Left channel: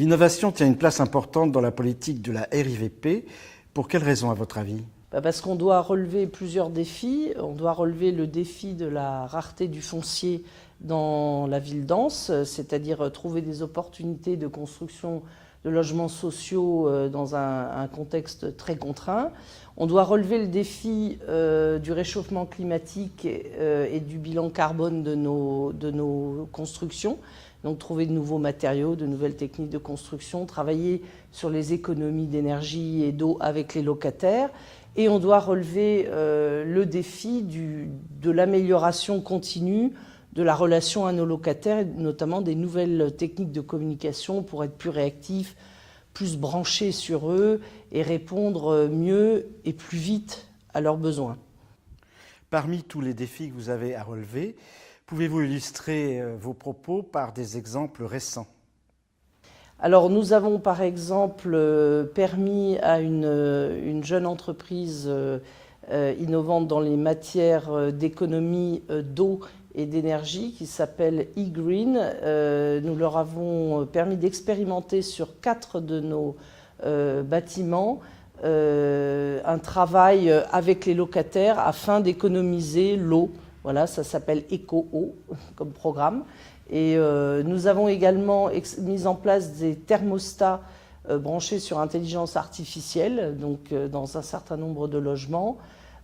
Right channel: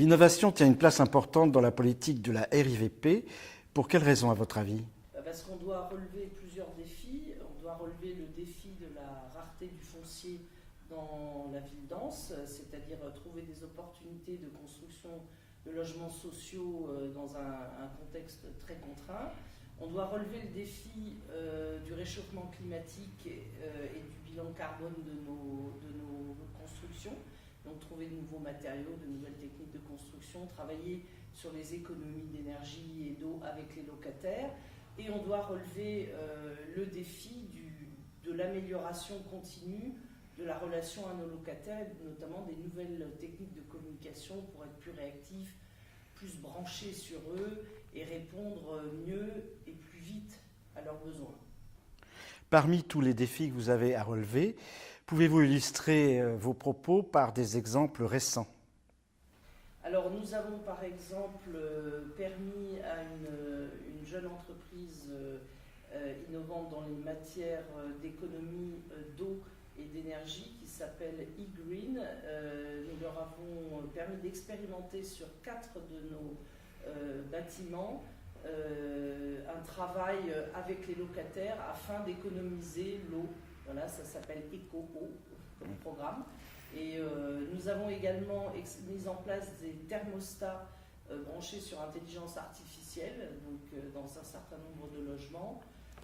L'innovation tient une place importante dans la politique de la RIVP. Pour quelles raisons, à votre avis ? Parce qu'on doit relever plusieurs défis. On doit relever le défi de la rareté du foncier dans la ville dense, c'est-à-dire trouver des opportunités de construction de logements sociaux dans un contexte très contraint. On doit relever le défi du réchauffement climatique et du bilan carbone de nos constructions. Donc trouver de nouveaux matériaux, de nouvelles techniques de construction, travailler sur les économies d'énergie et d'eau avec les locataires. Et on doit relever le défi de l'amélioration continue de la relation à nos locataires, et notamment des nouvelles techniques de communication pour être plus réactifs, plus branchés sur eux et répondre mieux et plus vite à leurs besoins. Parmi tous les défis que vous avez à relever, pouvez-vous illustrer vos propos par des exemples récents ? Alors nous avons par exemple permis à une jeune entreprise innovante dans les matières d'économie d'eau et d'énergie qui s'appelle eGreen. Nous leur avons permis d'expérimenter sur 4 de nos bâtiments un travail avec les locataires afin d'économiser l'eau. Voilà, ça s'appelle EcoEau comme programme. Et nous avons également mis en place des thermostats branchés sur intelligence artificielle, donc dans un certain nombre de logements.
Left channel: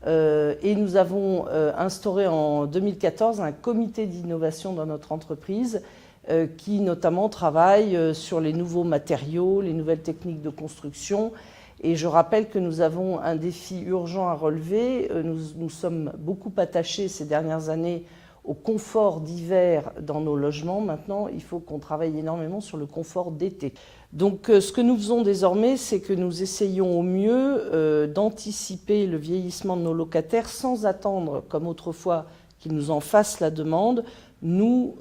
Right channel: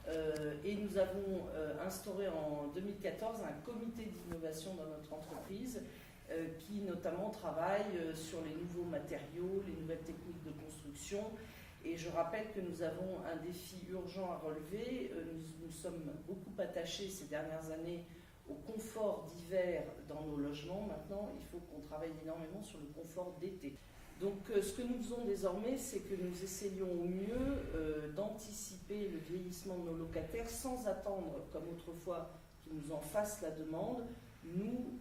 Et nous avons instauré en 2014 un comité d'innovation dans notre entreprise qui notamment travaille sur les nouveaux matériaux, les nouvelles techniques de construction. Et je rappelle que nous avons un défi urgent à relever. Nous sommes beaucoup attachés ces dernières années au confort d'hiver dans nos logements. Maintenant, il faut qu'on travaille énormément sur le confort d'été. Donc ce que nous faisons désormais, c'est que nous essayons au mieux d'anticiper le vieillissement de nos locataires sans attendre, comme autrefois, qu'ils nous en fassent la demande. Nous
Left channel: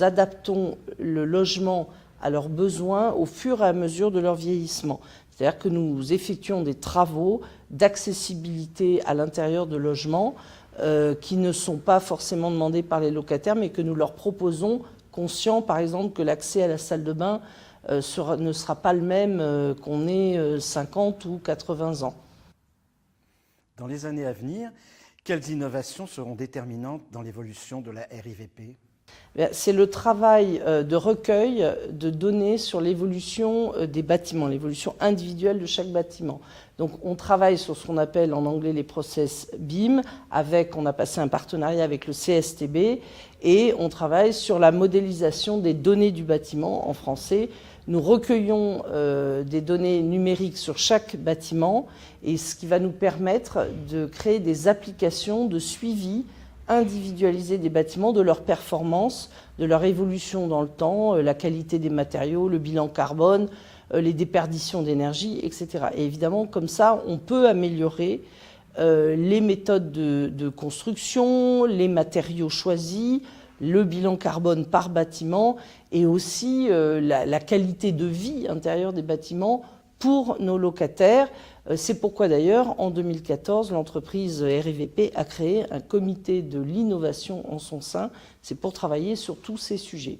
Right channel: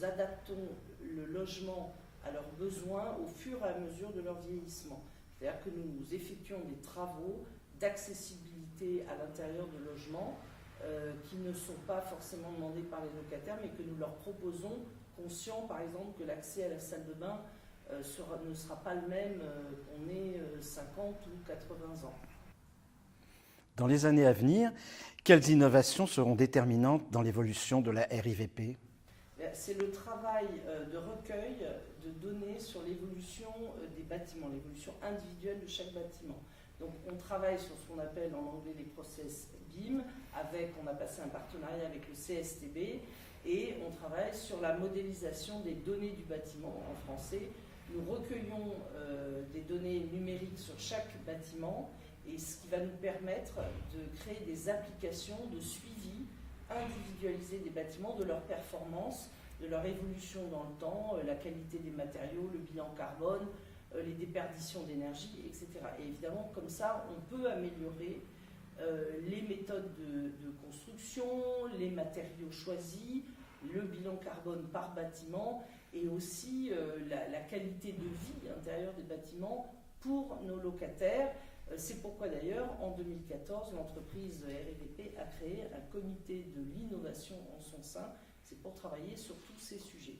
adaptons le logement à leurs besoins au fur et à mesure de leur vieillissement. C'est-à-dire que nous effectuons des travaux d'accessibilité à l'intérieur de logements qui ne sont pas forcément demandés par les locataires, mais que nous leur proposons, conscients par exemple que l'accès à la salle de bain ne sera pas le même qu'on ait 50 ou 80 ans. Dans les années à venir, quelles innovations seront déterminantes dans l'évolution de la RIVP ? C'est le travail de recueil de données sur l'évolution des bâtiments, l'évolution individuelle de chaque bâtiment. Donc on travaille sur ce qu'on appelle en anglais les process BIM, on a passé un partenariat avec le CSTB et on travaille sur la modélisation des données du bâtiment en français. Nous recueillons des données numériques sur chaque bâtiment et ce qui va nous permettre de créer des applications de suivi individualisé des bâtiments, de leur performance, de leur évolution dans le temps, la qualité des matériaux, le bilan carbone, les déperditions d'énergie, etc. Et évidemment, comme ça, on peut améliorer les méthodes de construction, les matériaux choisis, le bilan carbone par bâtiment et aussi la qualité de vie intérieure des bâtiments pour nos locataires. C'est pourquoi d'ailleurs, en 2014, l'entreprise RIVP a créé un comité de l'innovation en son sein. C'est pour travailler sur tous ces sujets.